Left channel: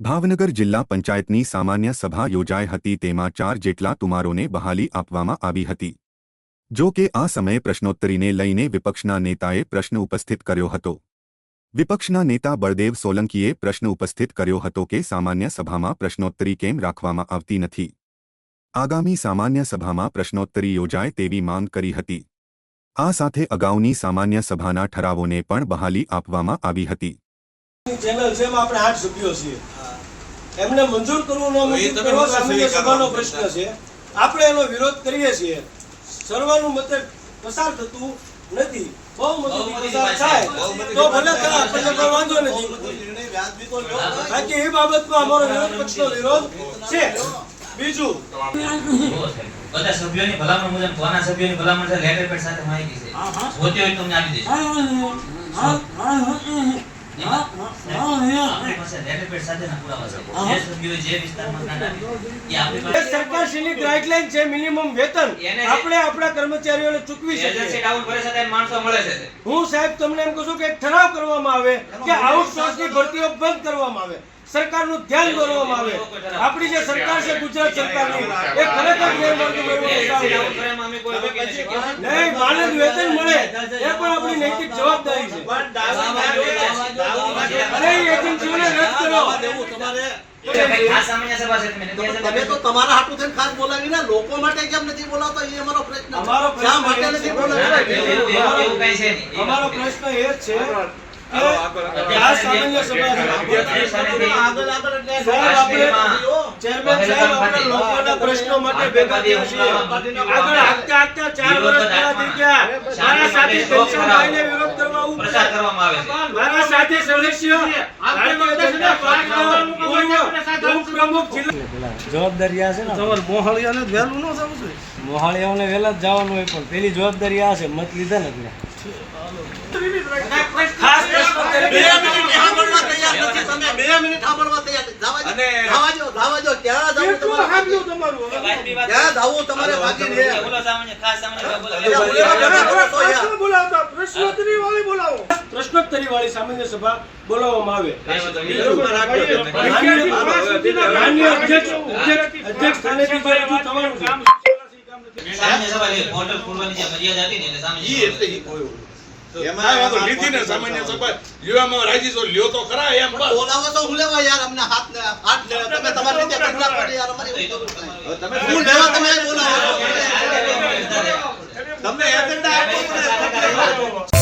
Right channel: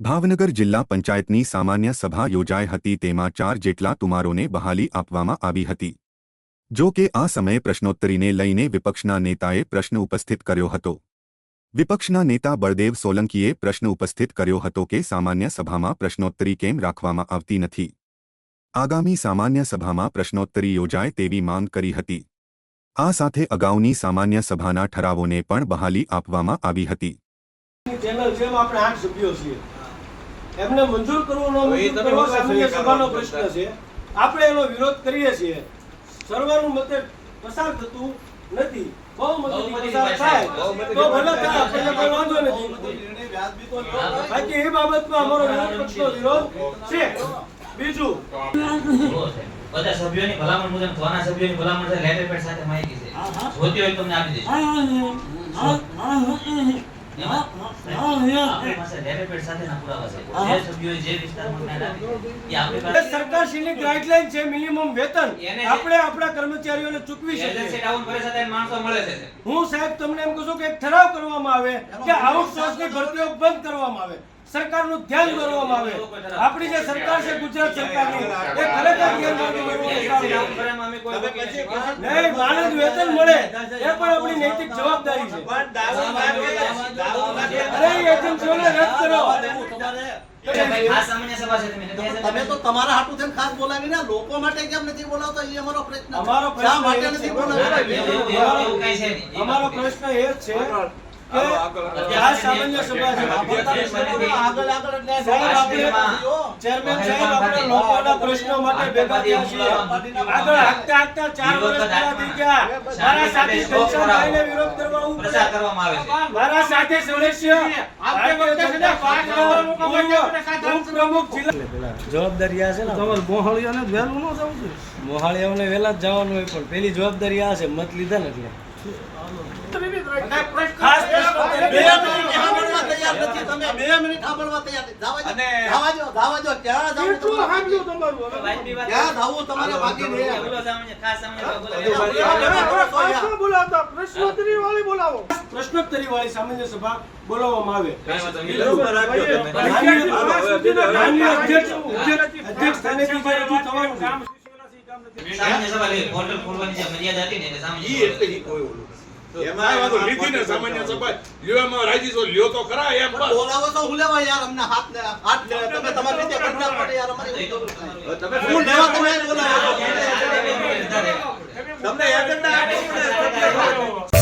ભાવનગર જિલ્લા પંચાયતની સામાન્ય સભા યોજાઈ હતી, તેમાં ચાર જેટલા તુમારોને બહાલી આપવામાં આવી હતી. જો કે આ સમયે પ્રશ્નોત્તરીને લઈને વિપક્ષના નેતાએ પ્રશ્ન ઉપસ્થિત કર્યો હતો. વિપક્ષના નેતા બળદેવ સોલંકીએ પ્રશ્ન ઉપસ્થિત કર્યો હતો કે સામાન્ય સભામાં પ્રશ્નોત્તરી કેમ રાખવામાં આવતી નથી. આગામી સામાન્ય સભામાં પ્રશ્નોત્તરી યોજાય તેવી માંગ કરી હતી. આ સાથે અગાઉની સામાન્ય સભાના ઠરાવોને પણ બહાલી આપવામાં આવી હતી. આઠ સભ્યો છીએ. એમને મંજૂર કરવું ન એ મંજૂર કરવા સામાન્ય સભાનો પ્રશ્ન છે. આપણે એનો વિરોધ કરીએ છીએ. સર્વાનુમતે પસાર થતું નથી. બહુમતીથી પસાર થાય. તો ભલે થાય આપણને કોઈ વાંધો નથી. બાકી એ બાબતમાં અમારો વિરોધ પક્ષનો વિરોધ છે. બીજું. બધા સભ્યોની ભલામણ મુજબ કોના સભ્યોની ભલામણ છે લેટર પેડ સાથે માહિતી છે. જોતી હોય તમને આપી દઈશું આપણી પાસે લેટર પેડ સાથેના પુરાવા છે જે સભ્યોએ જે વિસ્તારમાં જ્ઞાન આપ્યું, એ આપણી એ પાસે સરકારશ્રીની ગાઈડલાઈન છે. મિનિમમ વેતન. આપણે આપણા કર્મચારીઓને ચૂકવી શકીએ. ડાઉન કરે છે ત્યારે માણસો મળે છે. હું સાહેબ તમને એમ કહું છું કે ઠરાવ કરવામાં આવે કે આઉટસોર્સની ભરતીઓ બંધ કરવામાં આવે. સરકારનું ધ્યાન દોરવામાં આવે. આપણી જે સરકાર છે ગુજરાત સરકારની એ ખરેખર ગેરમાર્ગે નહીં માનદ વેતન મળે. એ પણ આપણી નૈતિક જવાબદારી છે. અરે એજન્સીઓને રદ કરો. તમારે એટલે ભાઈ ખાસ સામાન્ય સભા છે તમે. તો તમારા હાટુ થઈને ખાસ બોલાવી ને લોકો માટે કેમ નથી બોલાવતા? એ અમારો પ્રશ્ન છે. અમારો પ્રશ્ન એ છે. પ્રશ્ન માટે ભેગા આગળ ચાર વર્ષ પૂરા થઈ ગયા. મારા સાથી વિરોધ કરવા. પ્રચાર કરવામાં આવે મારા સાથે સદસ્ય જવાબદારી આ છે ને? તમારે વહેલું ન જવું છે મોહાળીઓને વહેલા જ જવાનું હોય પણ પેલી જવાબદારી આ છે. મત લીધા નથી. પ્રશ્નોત્તરી વાળી બોલાવો પ્રશ્નોત્તરી વાળી સામાન્ય સભા બોલાવવામાં આવે અધ્યક્ષ સ્થાનેથી ફરીથી થવાનું સામાન્ય સભા પોર્ટલ ખોલવાની જે મર્યાદા હતી ને એટલે સામાન્ય કોઈ વાંધો લીધી ને સામાન્ય સભા. લેવામાં રાજી છો લ્યો તો ખરા એમ પણ બોલાવો તો હું લેવા યાર અમને હાથ ને હાથ ને તમે તમારી રીતે કરતા પડે યાર અમારી તમે હું લેવા તમે બોલાવો. તમે એજન્ડા આપો મને.